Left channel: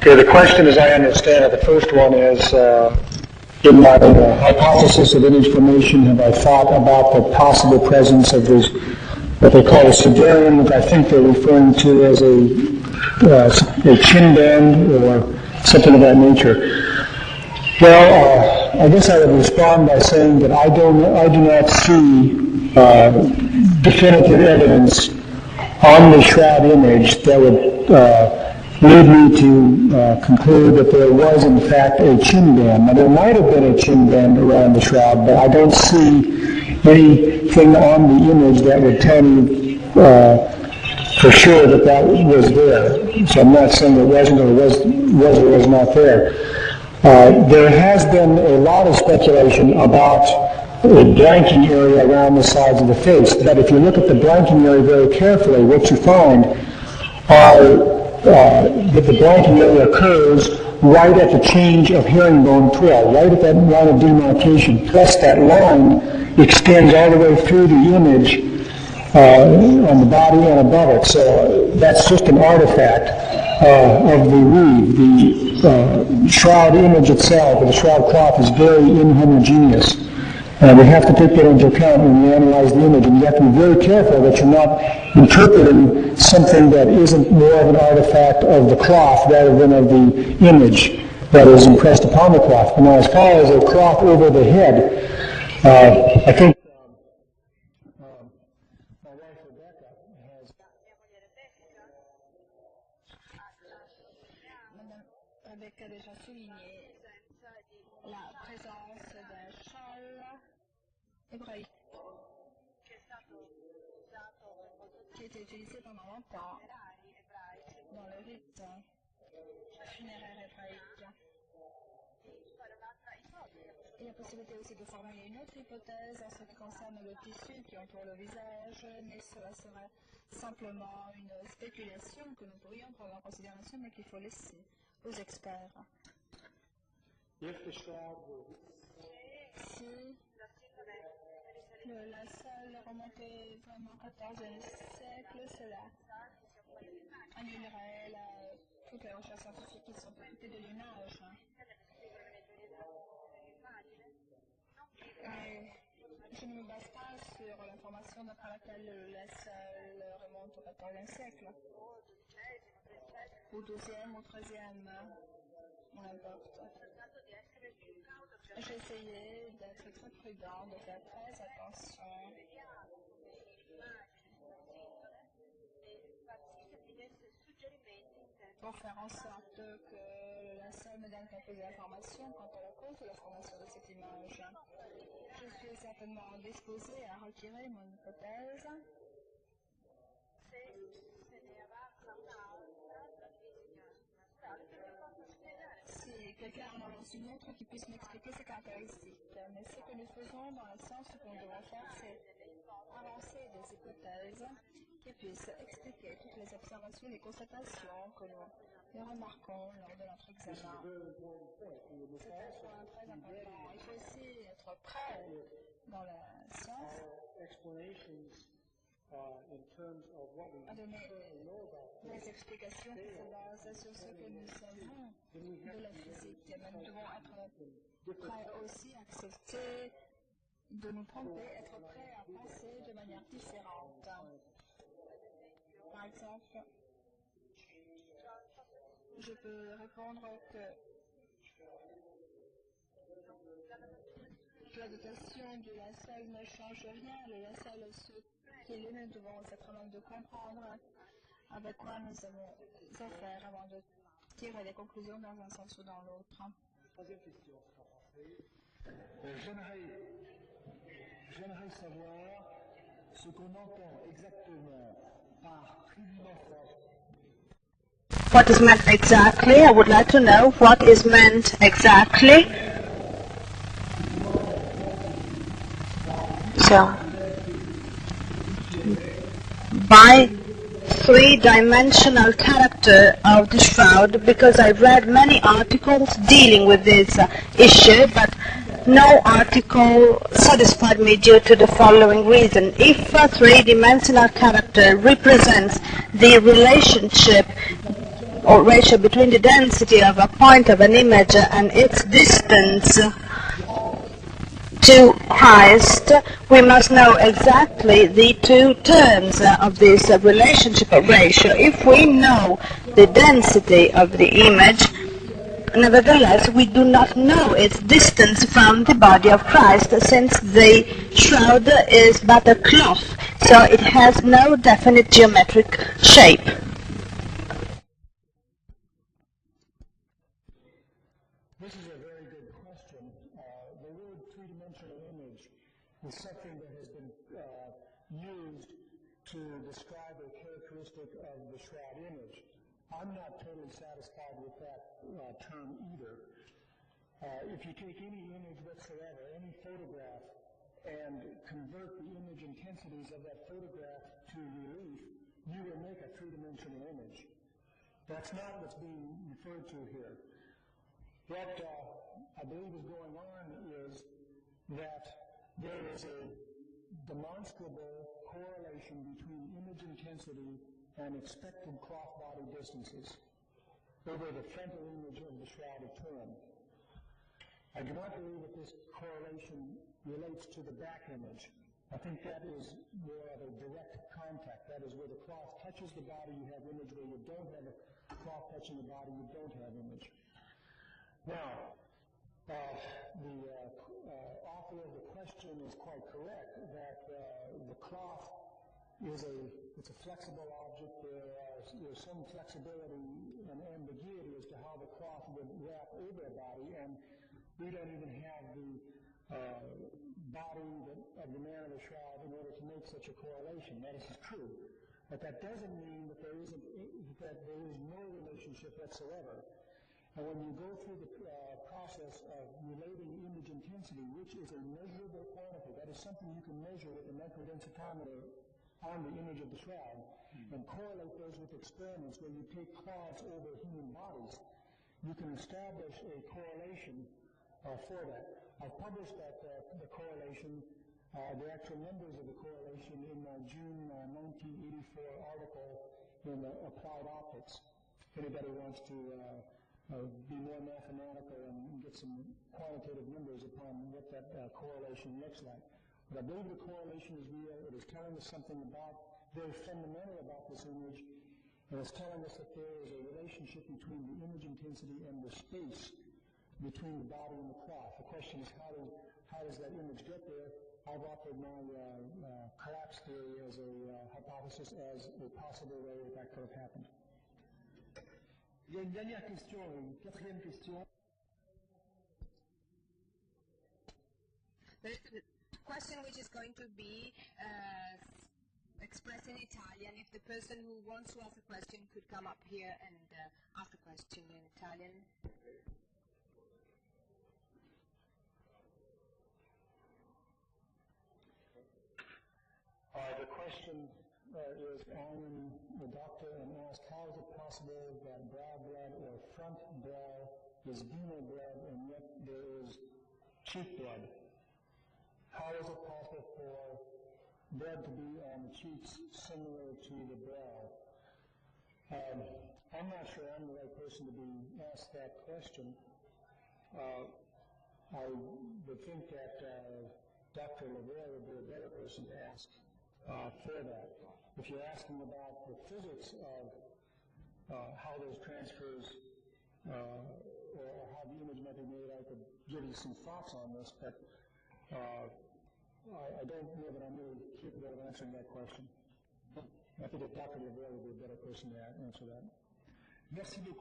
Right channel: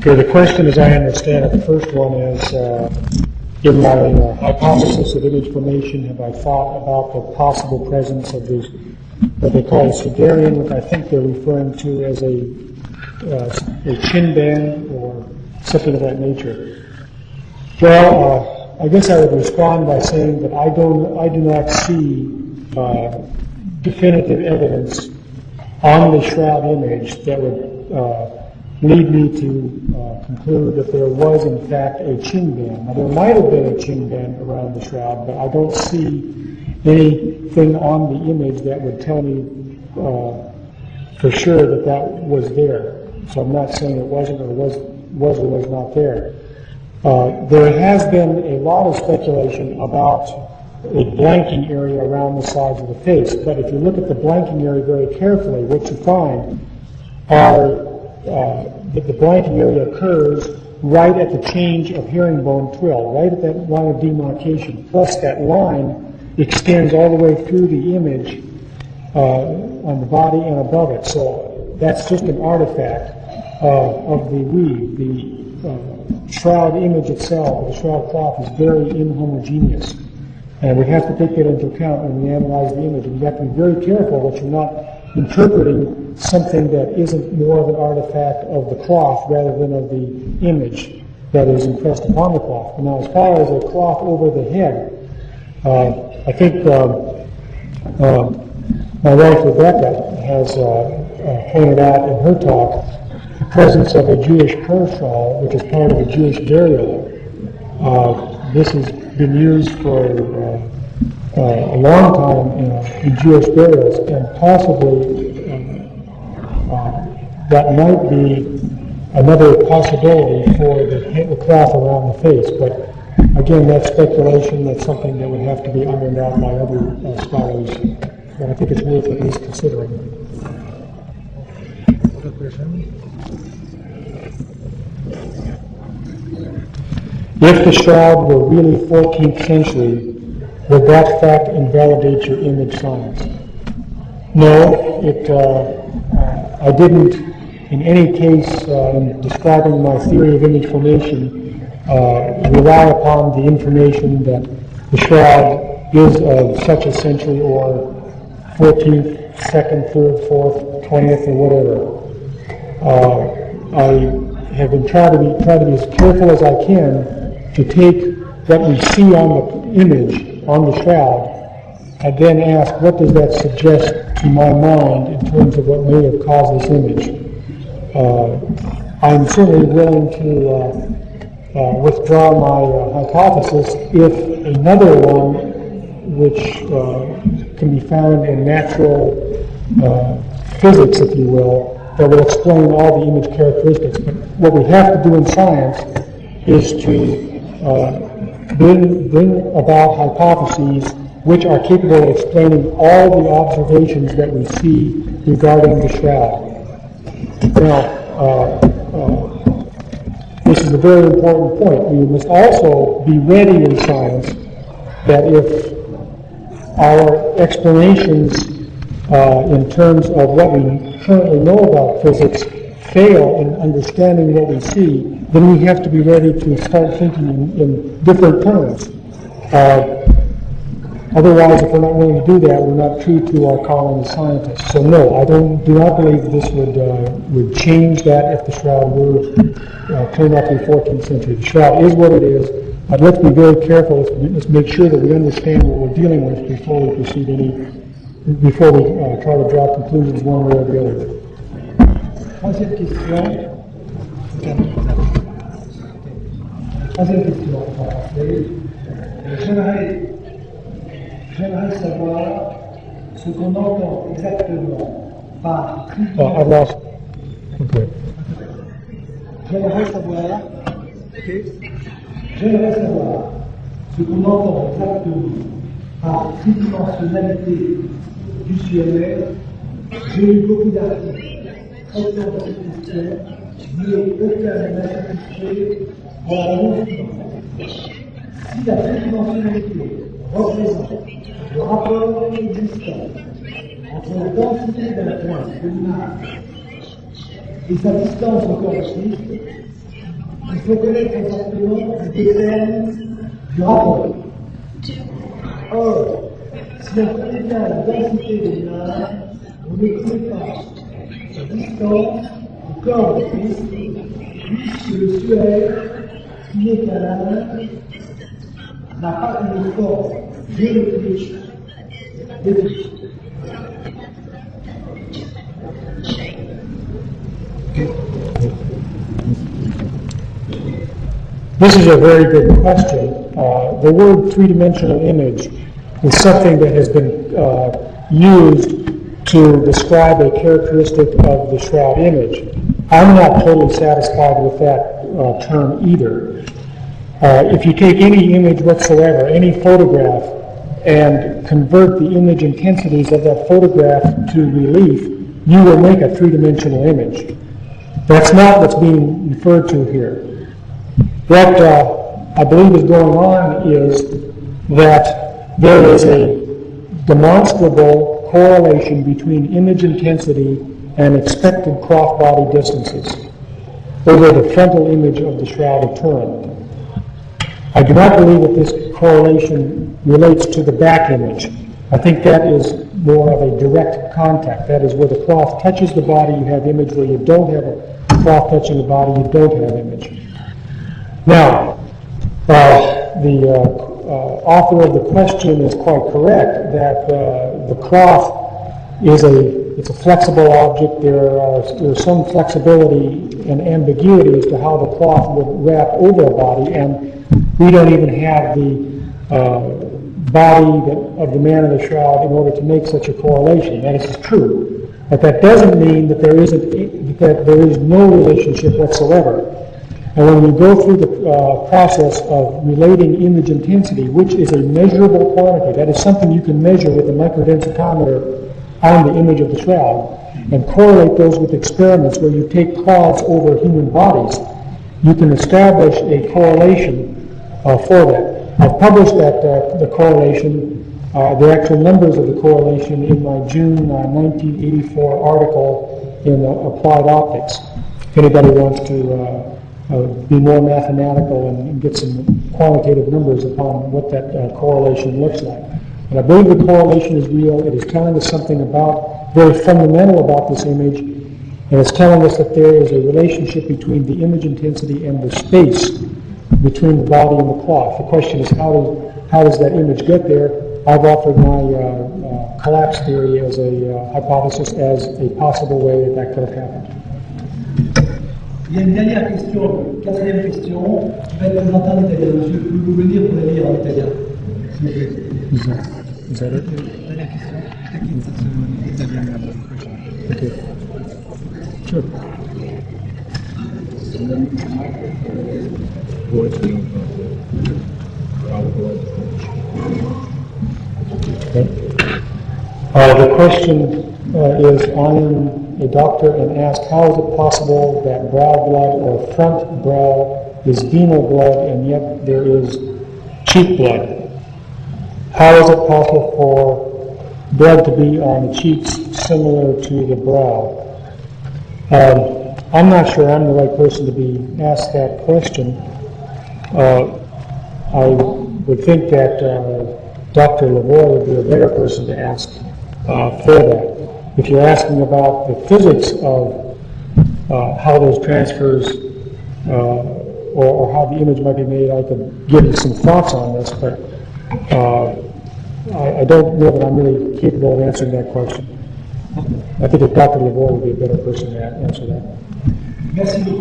Okay, the question as I understand it, the first one is, in my hypothesis of image formation, have I thought about the possible presence of these, what they call a sudarium, which I think they're referring to as a chin band or something of that nature. Well, I guess I would respond by saying that I do not see definitive evidence on the shroud image that would lead me to conclude that there was in fact a chin band. Now there might have been a chin band around the shroud, but I don't see anything on the image that would tell me for sure that that was there. So I'm not saying it wasn't or was not there. There has been a lot of speculation about a blanking area around the sides of the face, but if you look at the blanking area very carefully, what you find are that the blanking area occurs right at the change of herringbone twill, right at that line of demarcation, plus that line extends all the way through the image on the body and above it. So that's just an artifact of the weave. The shroud image itself, or the shroud cloth, is very inhomogeneous. And we have to take that into account when we analyze the image, and you have to be very careful that you're not interpreting something that isn't more of an artifact of the cloth rather than of the image that is impressed upon the cloth. And now, as far as a cloth over the head, I think my wife Rebecca has pointed out in her talk the presence of a Jewish prayer shawl, which is part of a Jewish burial. This has been used for a long time in Jewish burials, and possibly that might be another possibility for the cloth around the face. But again, that's speculation. That's something that would have to be ironed out by other scholars. But I think it's worth at least considering. If the shroud were really 14th century, would that fact invalidate your image science? No, I didn't in any case in describing my theory of image formation rely upon the information that the shroud is of such a century or 14th, 2nd, 3rd, 4th, 20th, or whatever. I have been trying to be as careful as I can to take what we see on the image, on the shroud, and then ask, what does that suggest to my mind in terms of what may have caused this image? I'm certainly willing to withdraw my hypothesis if another one, which can be found in natural physics, if you will, that will explain all the image characteristics. But what we have to do in science is to bring about hypotheses which are capable of explaining all the observations that we see regarding the shroud. Now, this is a very important point. We must also be ready in science that if our explanations in terms of what we currently know about physics fail in understanding what we see, then we have to be ready to start thinking in different terms. Otherwise, if we're not willing to do that, we're not true to our calling as scientists. So no, I do not believe this would change that if the shroud were turned out to be 14th century. The shroud is what it is, but let's be very careful. Let's make sure that we understand what we're dealing with before we before we try to draw conclusions one way or the other. Troisième question. J'aimerais savoir ce qu'on entend exactement par I've lost. Okay. What is meant exactly? I would like to know what is meant exactly. Ce qu'on entend exactement par So, tridimensionnalité visuelle by three-dimensional character of the shroud, because I read many articles dealing with this issue, but no article satisfied me due to the following reason. If a three-dimensional character represents the relationship or ratio between the density of a point of an image and its distance to Christ, we must know exactly the two terms of this relationship or ratio. If we know the density of the image, nevertheless, we do not know its distance from the body of Christ, since the shroud is but a cloth, so it has no definite geometric shape. This is a very good question. The word three-dimensional image is something that has been used to describe a characteristic of the shroud image. I'm not totally satisfied with that term either. If you take any image whatsoever, any photograph, and convert the image intensities of that photograph to relief, you will make a three-dimensional image. That's not what's being referred to here. What I believe is going on is that there is a demonstrable correlation between image intensity and expected cross-body distances over the frontal image of the Shroud of Turin. I do not believe that this correlation relates to the back image. I think that is more of a direct contact. That is where the cloth touches the body, you have image. Where you don't have a cloth touching the body, you don't have image. Now, the author of the question is quite correct that the cloth is a flexible object. There's some flexibility and ambiguity as to how the cloth would wrap over a body, and we don't even have the body of the man in the shroud in order to make such a correlation. That is true, but that doesn't mean that there is no relationship whatsoever. And when we go through the process of relating image intensity, which is a measurable quantity, that is something you can measure with a microdensitometer on the image of the shroud, and correlate those with experiments where you take cloths over human bodies, you can establish a correlation for that. I've published the correlation, the actual numbers of the correlation in my June 1984 article in Applied Optics. If anybody wants to be more mathematical and get some quantitative numbers upon what that correlation looks like. But I believe the correlation is real. It is telling us something very fundamental about this image, and it's telling us that there is a relationship between the image intensity and the space between the body and the cloth. The question is, how does that image get there? I've offered my collapse theory as a hypothesis, as a possible way that could have happened. Il y a une dernière question, quatrième question, qui va être présentée en italien. Monsieur, pouvez-vous venir pour la lire en italien? Is that it? Dernière question. Okay. Sure. Okay. The question is, I am a doctor and ask, how is it possible that brow blood or front brow is venal blood and yet there is cheek blood? How is it possible for blood to be on the cheeks similar to the brow? I'm not sure I'm the right person to be asked that question. I would think that Dr. Lavoie would be a better person to ask for that. If you're asking about the physics of how those transfers or how the image might be made, I could give you some thoughts on this, but I don't know that I'm really capable of answering that question. I think that Dr. Lavoie would be a better person to answer that. Merci beaucoup.